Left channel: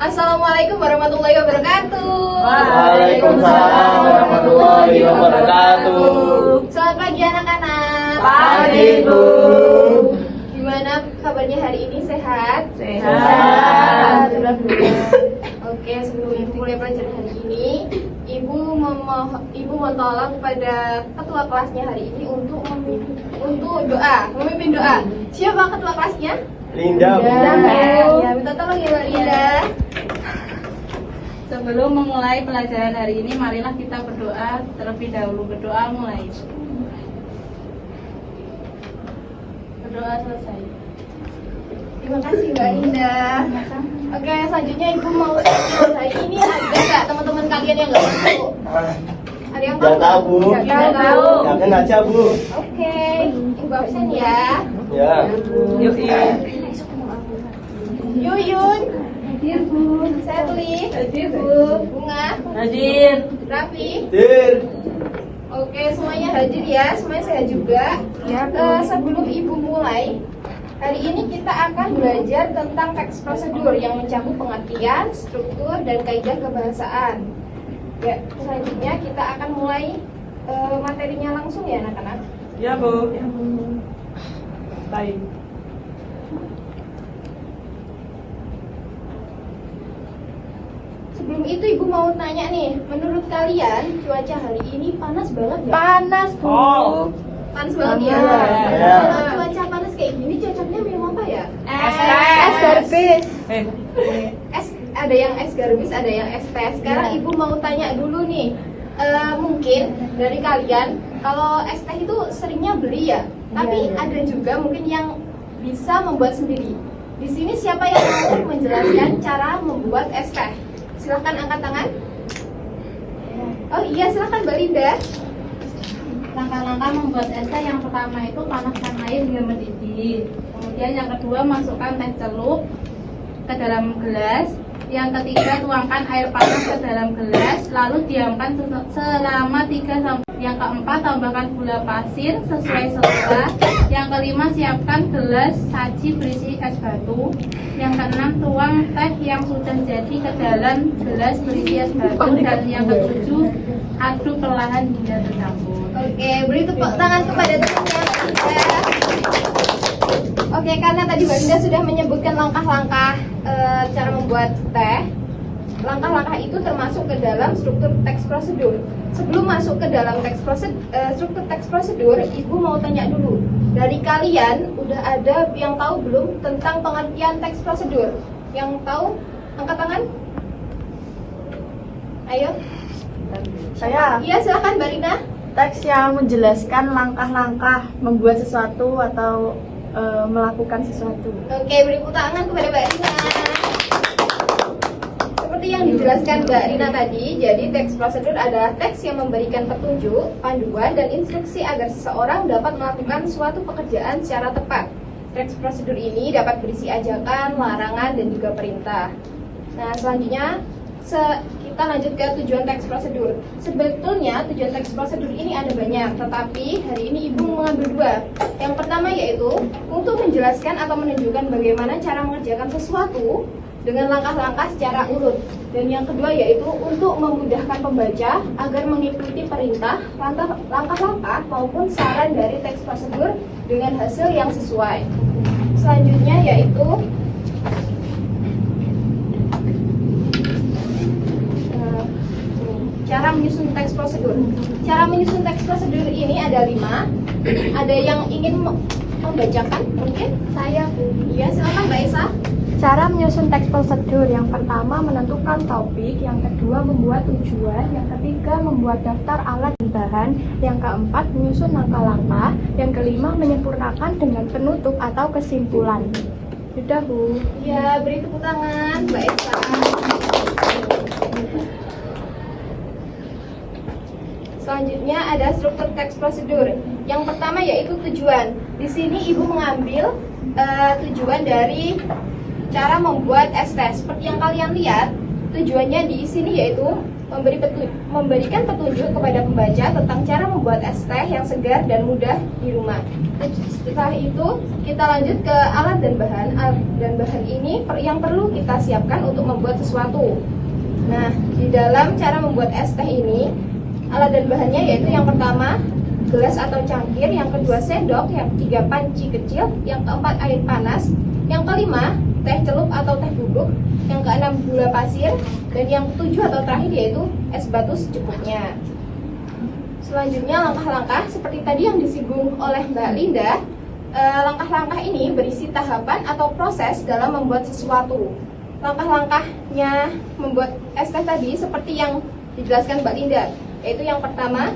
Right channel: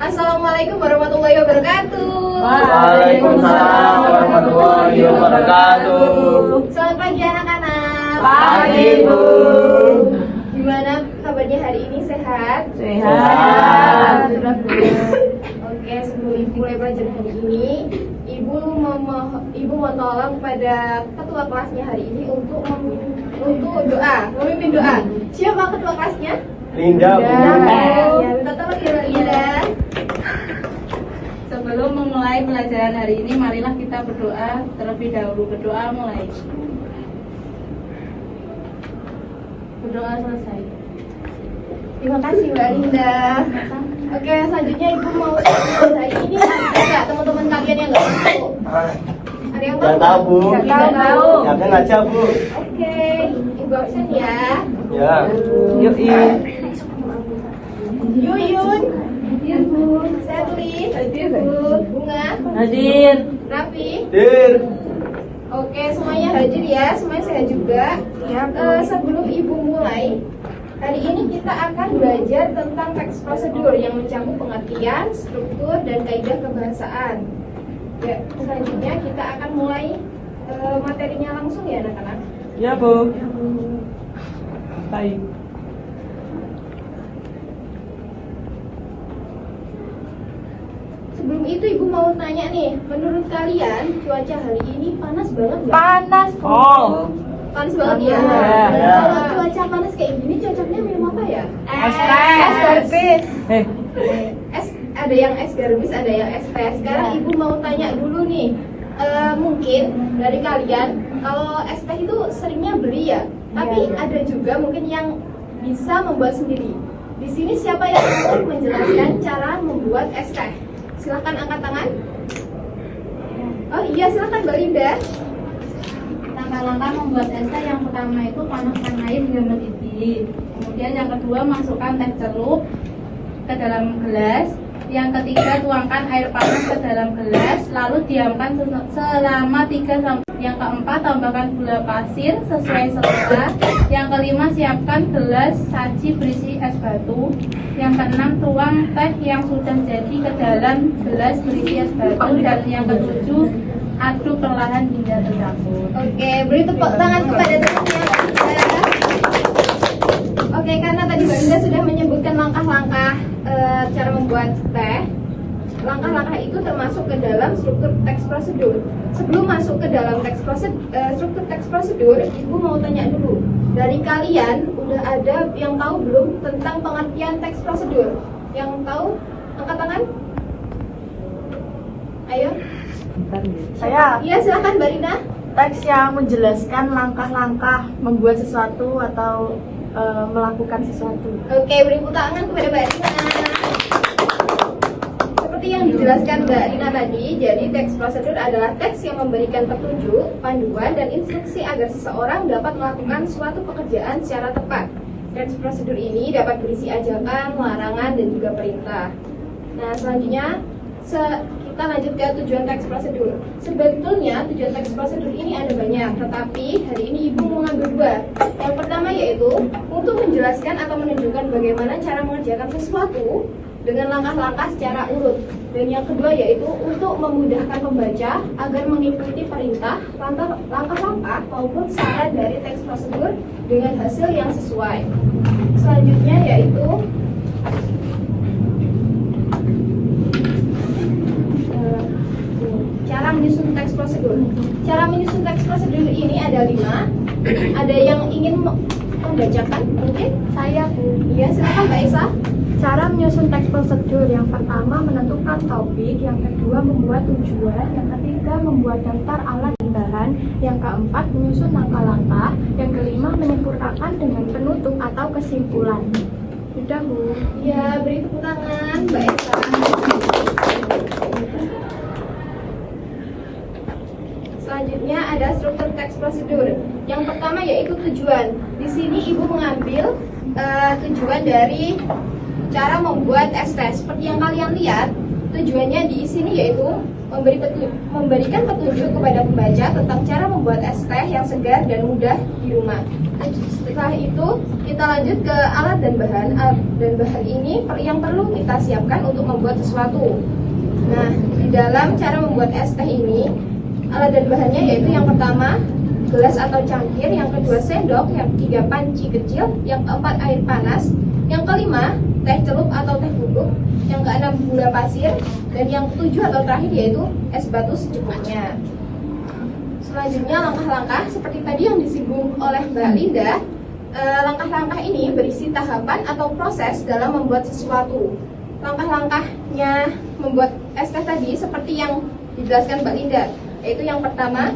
Assalamualaikum warahmatullahi wabarakatuh. Waalaikumsalam warahmatullahi wabarakatuh. Selamat pagi anak-anak. Pagi, Bu. Gimana kabarnya hari ini? Sehat? Sehat. Oke, sebelum Ibu mulai pelajaran hari ini, Ibu mohon tolong kepada ketua kelasnya hari ini untuk memimpin doa. Siapa ketua kelasnya? Linda, Bu. Ya, minta tolong ya Mbak Linda. Sebelum memulai pelajaran hari ini, marilah kita berdoa terlebih dahulu. Berdoa mulai. Berdoa selesai. Terima kasih Mbak Linda. Oke, selanjutnya Ibu mau hari ini ada nggak teman-teman kalian yang nggak masuk? Ada yang tahu? Nggak tahu, Bu. Nggak tahu. Yakin aja, Bu. Oke, Ibu absen ya. Ya. Yuyun, Serli, Bunga, Hadir. Raffi. Dir. Oke, semuanya hadir ya, semuanya sehat juga. Sebelum Ibu mulai, hari ini kita akan belajar tentang teks prosedur yang mencakup pengertian, struktur, dan kaidah kebahasaan. Ya, selanjutnya kita akan mulai materinya langsung ya anak-anak. Ya, Bu. Baik. Sebelum itu Ibu mau tanya nih, menurut kalian cuaca hari ini panas banget nggak? Panas. Oh. Panas banget ya. Panas. Kalau cuaca panas kayak gini cocoknya minum apa ya? Es teh. Es garbis. Eh, Es, ada yang es garbis, ada yang es teh. Sekarang Ibu mau tanya dulu nih, mungkin dari kalian kalau es teh itu seringnya beli ya, tapi ada juga mungkin yang bisa membuat sendiri. Di sini siapa yang mau menjelaskan cara membuat es teh? Silakan angkat tangan. Oh iya, silakan Mbak Linda. langkah-langkah membuat es teh yang pertama itu panaskan air hingga mendidih. Kemudian yang kedua masukkan teh celup ke dalam gelas. Yang ketiga tuangkan air panas ke dalam gelas, lalu diamkan selama 3 sampai. Yang keempat tambahkan gula pasir sesuai selera. Yang kelima siapkan gelas saji berisi es batu. Yang keenam tuang teh yang sudah jadi ke dalam gelas berisi es batu. Dan yang ketujuh aduk perlahan hingga tercampur. Oke, beri tepuk tangan kepada temannya Mbak Linda. Oke, karena tadi Mbak Linda sudah menyebutkan langkah-langkah cara membuat teh. Langkah-langkah itu termasuk ke dalam struktur teks prosedur. Sebelum masuk ke dalam struktur teks prosedur, Ibu mau tanya dulu. Dari kalian udah ada yang tahu belum tentang pengertian teks prosedur? Yang tahu angkat tangan? Ayo. Saya Iya, silakan Mbak Rina. teks yang menjelaskan langkah-langkah membuat sesuatu atau melakukan sesuatu. Oke, beri tepuk tangan kepada Mbak Rina. Seperti yang dijelaskan Mbak Rina tadi, jadi teks prosedur adalah teks yang memberikan petunjuk, panduan, dan instruksi agar seseorang dapat melakukan suatu pekerjaan secara tepat. Teks prosedur ini dapat berisi ajakan, larangan, dan juga perintah. Nah, selanjutnya kita lanjut ke tujuan teks prosedur. Sebetulnya tujuan teks prosedur ini ada banyak, tetapi hari ini Ibu mengambil 2. Yang pertama yaitu untuk menjelaskan atau menunjukkan bagaimana cara mengerjakan sesuatu dengan langkah-langkah secara urut. Dan yang kedua yaitu untuk memudahkan pembaca agar mengikuti perintah, langkah-langkah maupun saran dari teks prosedur dengan hasil yang sesuai. Selanjutnya yaitu cara menyusun teks prosedur. Cara menyusun teks prosedur ini ada 5. Ada yang ingin membacakan? Mungkin saya. Ya, silakan Mbak Esa. Cara menyusun teks prosedur: yang pertama menentukan topik, yang kedua membuat tujuan, yang ketiga membuat daftar alat dan bahan, yang keempat menyusun langkah-langkah, yang kelima menyempurnakan dengan penutup atau kesimpulan. Sudah, Bu. Ya, beri tepuk tangan Mbak Esa. Selanjutnya ada struktur teks prosedur. Yang pertama yaitu tujuan. Di sini Ibu mengambil tujuan dari cara membuat es teh. Seperti yang kalian lihat, Tujuannya di sini yaitu memberikan petunjuk kepada pembaca tentang cara membuat es teh yang segar dan mudah di rumah. Setelah itu kita lanjut ke alat dan bahan. Alat dan bahan ini yang perlu kita siapkan untuk membuat sesuatu. Nah, di dalam cara membuat es teh ini, alat dan bahannya yaitu yang pertama gelas atau cangkir, yang kedua sendok, yang ketiga panci kecil, yang keempat air panas, yang kelima teh celup atau teh bubuk, yang keenam gula pasir, dan yang ketujuh atau terakhir yaitu es batu secukupnya. Selanjutnya langkah-langkah seperti tadi yang disinggung oleh Mbak Linda. Langkah-langkah ini berisi tahapan atau proses dalam membuat sesuatu. Langkah-langkahnya membuat es teh tadi seperti yang dijelaskan Mbak Linda, yaitu yang pertama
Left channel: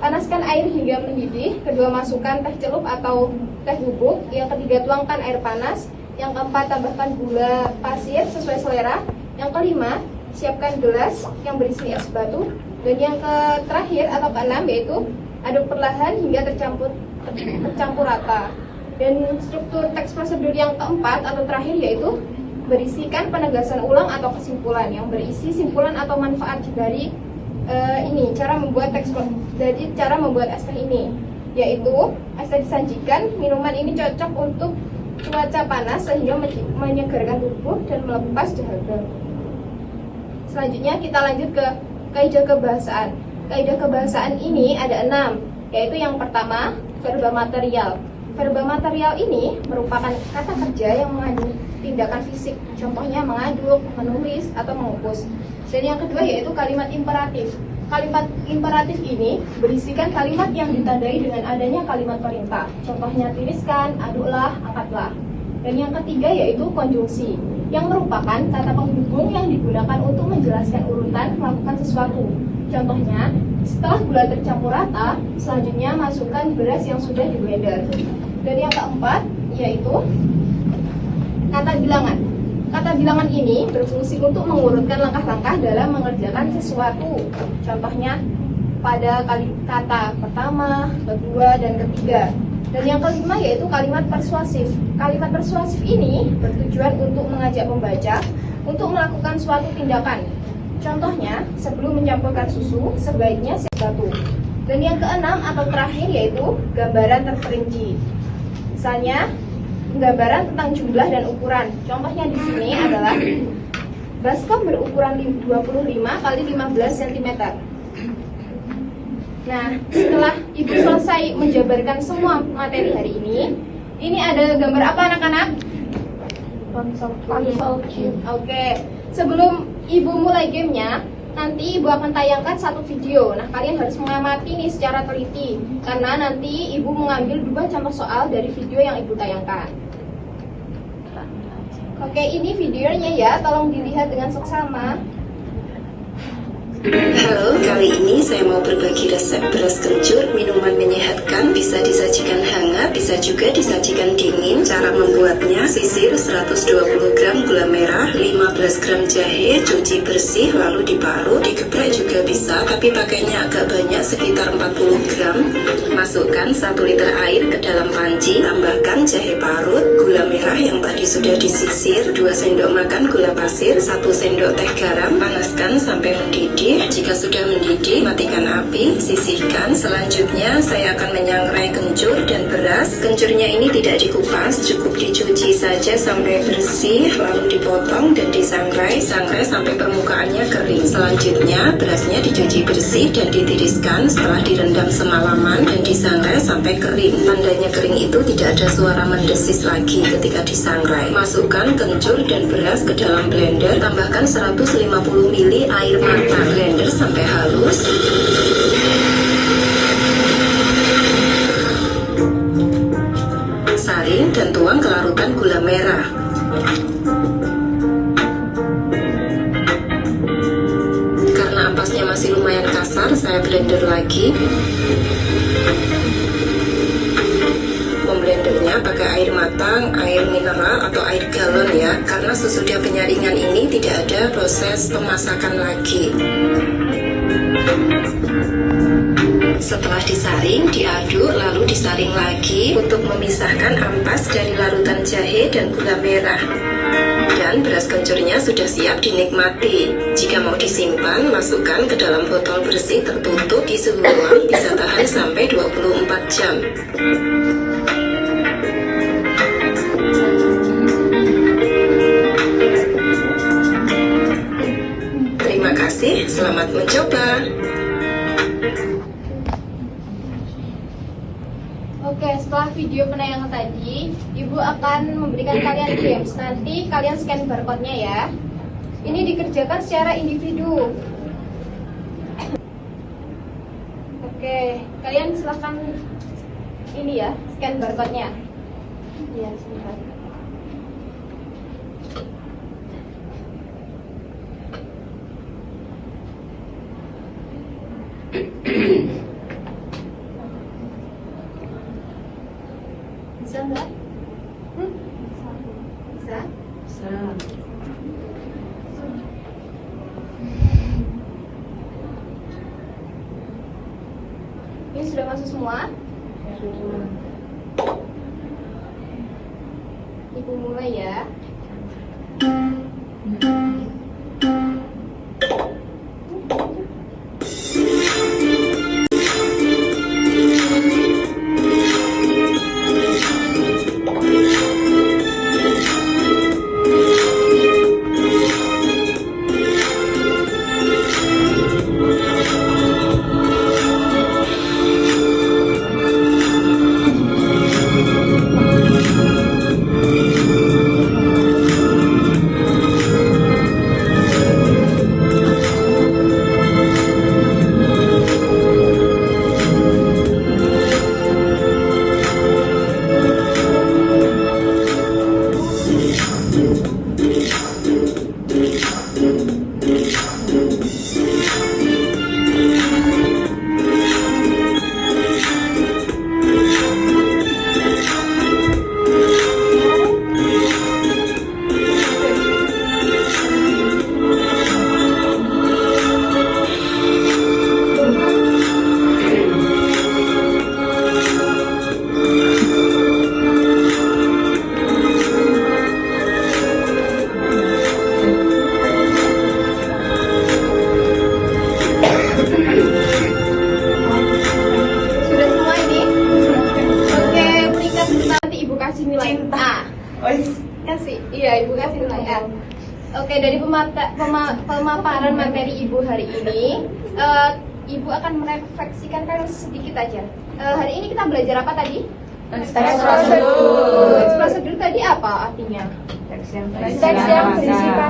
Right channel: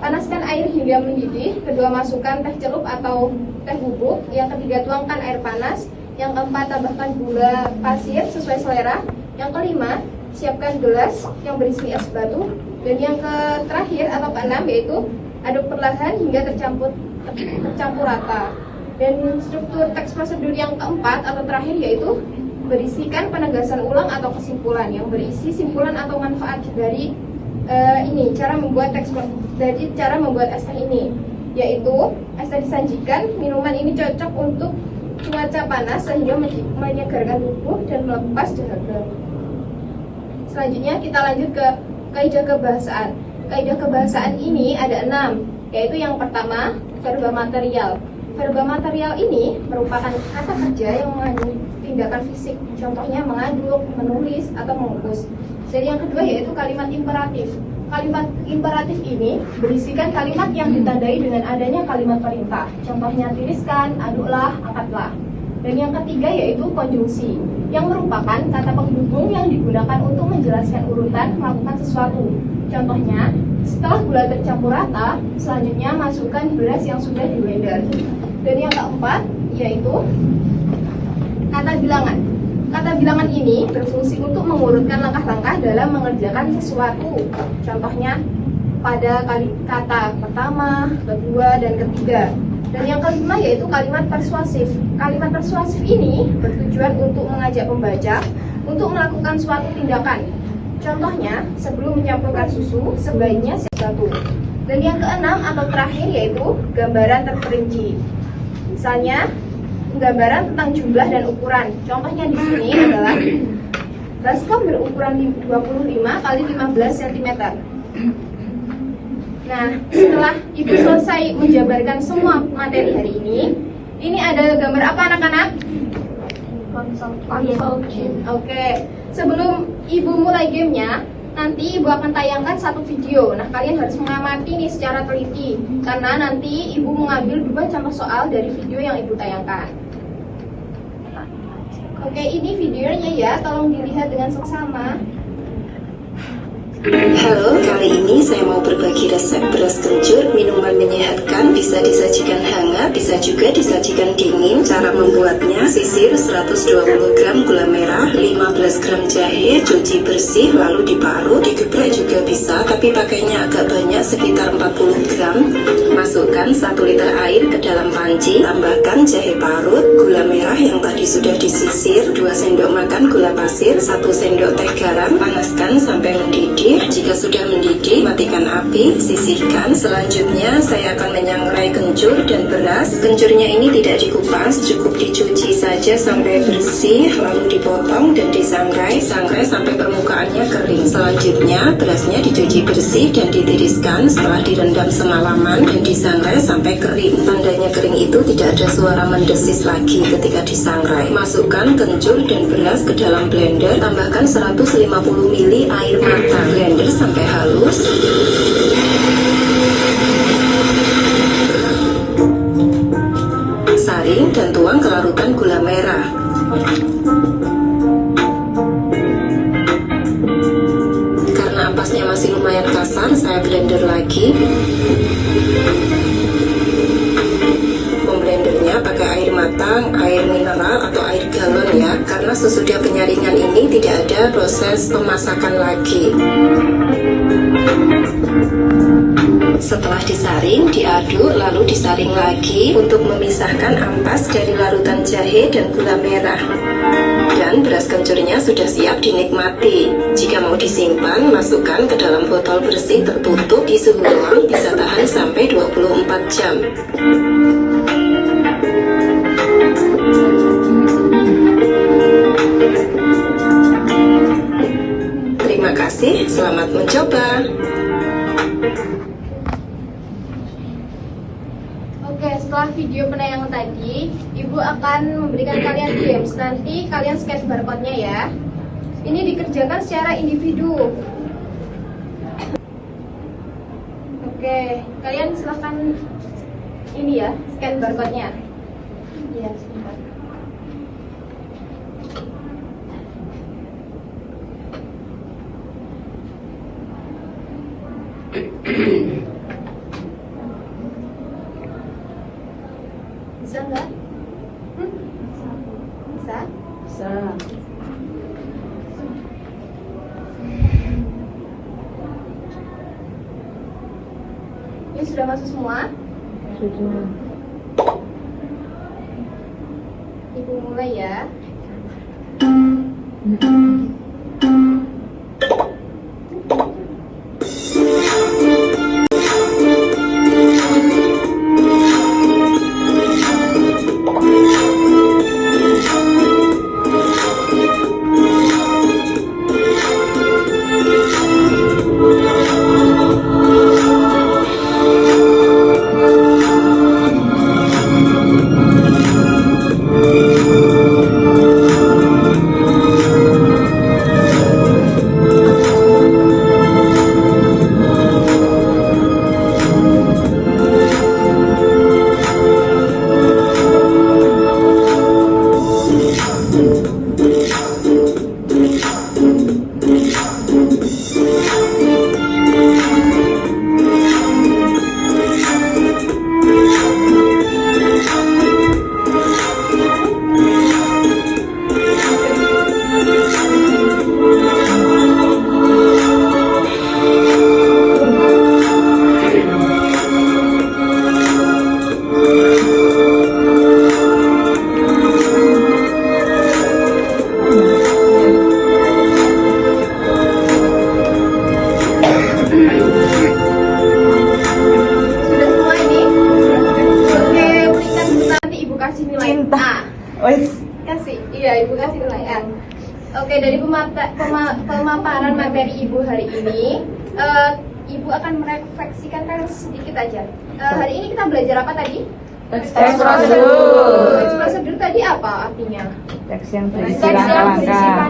panaskan air hingga mendidih, kedua masukkan teh celup atau teh bubuk, yang ketiga tuangkan air panas, yang keempat tambahkan gula pasir sesuai selera, yang kelima siapkan gelas yang berisi es batu, dan yang terakhir atau keenam yaitu aduk perlahan hingga tercampur rata. Dan struktur teks prosedur yang keempat atau terakhir yaitu berisikan penegasan ulang atau kesimpulan yang berisi simpulan atau manfaat dari ini cara membuat cara membuat es teh ini, yaitu es teh disajikan. Minuman ini cocok untuk cuaca panas sehingga menyegarkan tubuh dan melepas dahaga. Selanjutnya kita lanjut ke kaidah kebahasaan. Kaidah kebahasaan ini ada 6, yaitu yang pertama verba material. Verba material ini merupakan kata kerja yang mengandung tindakan fisik, contohnya mengaduk, menulis, atau mengukus. Dan yang kedua yaitu kalimat imperatif. Kalimat imperatif ini berisikan kalimat yang ditandai dengan adanya kalimat perintah. Contohnya tiriskan, aduklah, angkatlah. Dan yang ketiga yaitu konjungsi, yang merupakan kata penghubung yang digunakan untuk menjelaskan urutan melakukan sesuatu. Contohnya, setelah gula tercampur rata, selanjutnya masukkan beras yang sudah di blender. Dan yang keempat yaitu kata bilangan. Kata bilangan ini berfungsi untuk mengurutkan langkah-langkah dalam mengerjakan sesuatu. Contohnya pada kata pertama, kedua, dan ketiga. Dan yang kelima yaitu kalimat persuasif. Kalimat persuasif ini bertujuan untuk mengajak pembaca untuk melakukan suatu tindakan. Contohnya, sebelum mencampurkan susu, sebaiknya satu. Dan yang keenam atau terakhir yaitu gambaran terperinci. Misalnya, gambaran tentang jumlah dan ukuran. Contohnya di sini adalah baskom berukuran 25 x 15 cm. Nah, setelah Ibu selesai menjabarkan semua materi hari ini ada gambar apa anak-anak? Oke, sebelum Ibu mulai gamenya, nanti Ibu akan tayangkan satu video. Nah, kalian harus mengamati ini secara teliti, karena nanti Ibu mengambil 2 contoh soal dari video yang Ibu tayangkan. Oke, ini videonya ya, tolong dilihat dengan seksama. Halo, kali ini saya mau berbagi resep beras kencur, minuman menyehatkan, bisa disajikan hangat, bisa juga disajikan dingin. Cara membuatnya, sisir 120 gram gula merah, 15 gram jahe, cuci bersih lalu diparut, digeprek juga bisa, tapi pakainya agak banyak sekitar 40 gram. Masukkan 1 liter air ke dalam panci, tambahkan jahe parut, gula merah yang tadi sudah disisir, 2 sendok makan gula pasir, 1 sendok teh garam, panaskan sampai mendidih. Jika sudah mendidih, matikan api, sisihkan. Selanjutnya saya akan menyangrai kencur dan beras. Kencurnya ini tidak dikupas, cukup dicuci saja sampai bersih, lalu dipotong dan disangrai sampai permukaannya kering. Selanjutnya berasnya dicuci bersih dan ditiriskan setelah direndam semalaman dan disangrai sampai kering. Tandanya kering itu tidak ada suara mendesis lagi ketika disangrai. Masukkan kencur dan beras ke dalam blender, tambahkan 150 ml air matang. Blender sampai halus. Saring dan tuang ke larutan gula merah. Karena ampasnya masih lumayan kasar, saya blender lagi. Pemblendernya pakai air matang, air mineral atau air galon ya, karena sesudah penyaringan ini tidak ada proses pemasakan lagi. Setelah disaring, diaduk, lalu disaring lagi untuk memisahkan ampas dari larutan jahe dan gula merah. Dan beras kencurnya sudah siap dinikmati. Jika mau disimpan, masukkan ke dalam botol bersih tertutup di suhu ruang, bisa tahan sampai 24 jam. Terima kasih, selamat mencoba. Oke, setelah video penayangan tadi, Ibu akan memberikan kalian games. Nanti kalian scan barcode-nya ya. Ini dikerjakan secara individu. Oke, kalian silahkan ini ya, scan barcode-nya. Iya, sebentar. Bisa nggak? Bisa? Bisa. Ini sudah masuk semua? Sudah. Ibu mulai ya. Oke, dari pemaparan materi Ibu hari ini, Ibu akan merefleksikan sedikit aja. Hari ini kita belajar apa tadi? Teks prosedur. Teks prosedur tadi apa artinya? Teks yang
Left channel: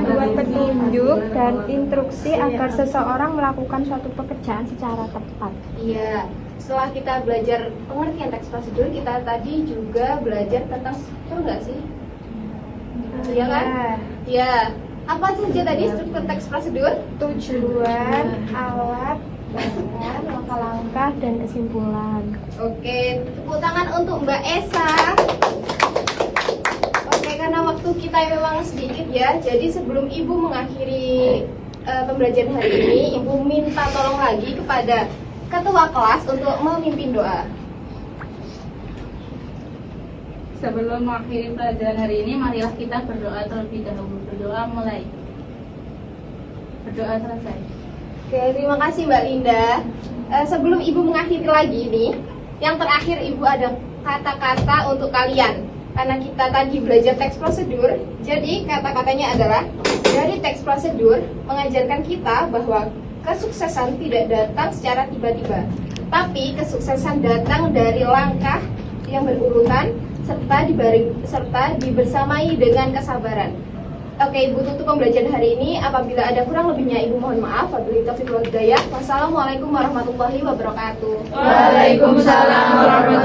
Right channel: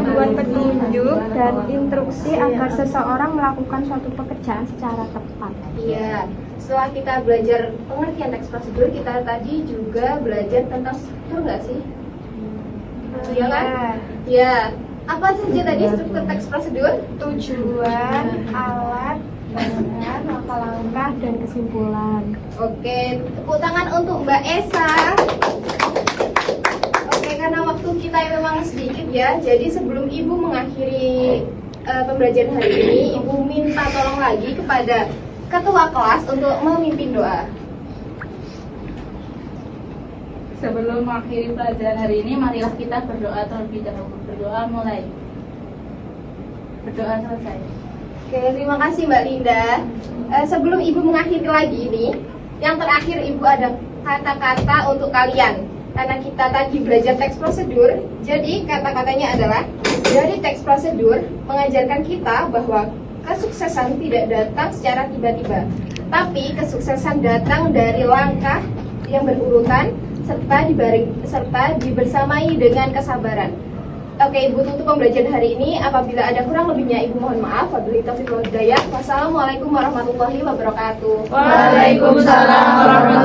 membuat petunjuk dan instruksi agar seseorang melakukan suatu pekerjaan secara tepat. Iya. Setelah kita belajar pengertian teks prosedur, kita tadi juga belajar tentang struktur nggak sih? Iya kan? Iya. Apa saja tadi struktur teks prosedur? Tujuan, alat, langkah, dan kesimpulan. Oke, tepuk tangan untuk Mbak Esa. Oke, karena waktu kita memang sedikit ya, jadi sebelum Ibu mengakhiri pembelajaran hari ini, Ibu minta tolong lagi kepada ketua kelas untuk memimpin doa. Sebelum mengakhiri pelajaran hari ini, marilah kita berdoa terlebih dahulu. Berdoa mulai. Berdoa selesai. Oke, terima kasih Mbak Linda. Sebelum Ibu mengakhiri lagi ini, yang terakhir Ibu ada kata-kata untuk kalian. Karena kita tadi belajar teks prosedur, jadi kata-katanya adalah, dari teks prosedur mengajarkan kita bahwa kesuksesan tidak datang secara tiba-tiba, tapi kesuksesan datang dari langkah yang berurutan serta dibersamai dengan kesabaran. Oke, Ibu tutup pembelajaran hari ini. Apabila ada kurang lebihnya, Ibu mohon maaf. Wabillahi taufiq wal hidayah. Wassalamualaikum warahmatullahi wabarakatuh. Waalaikumsalam warahmatullahi wabarakatuh.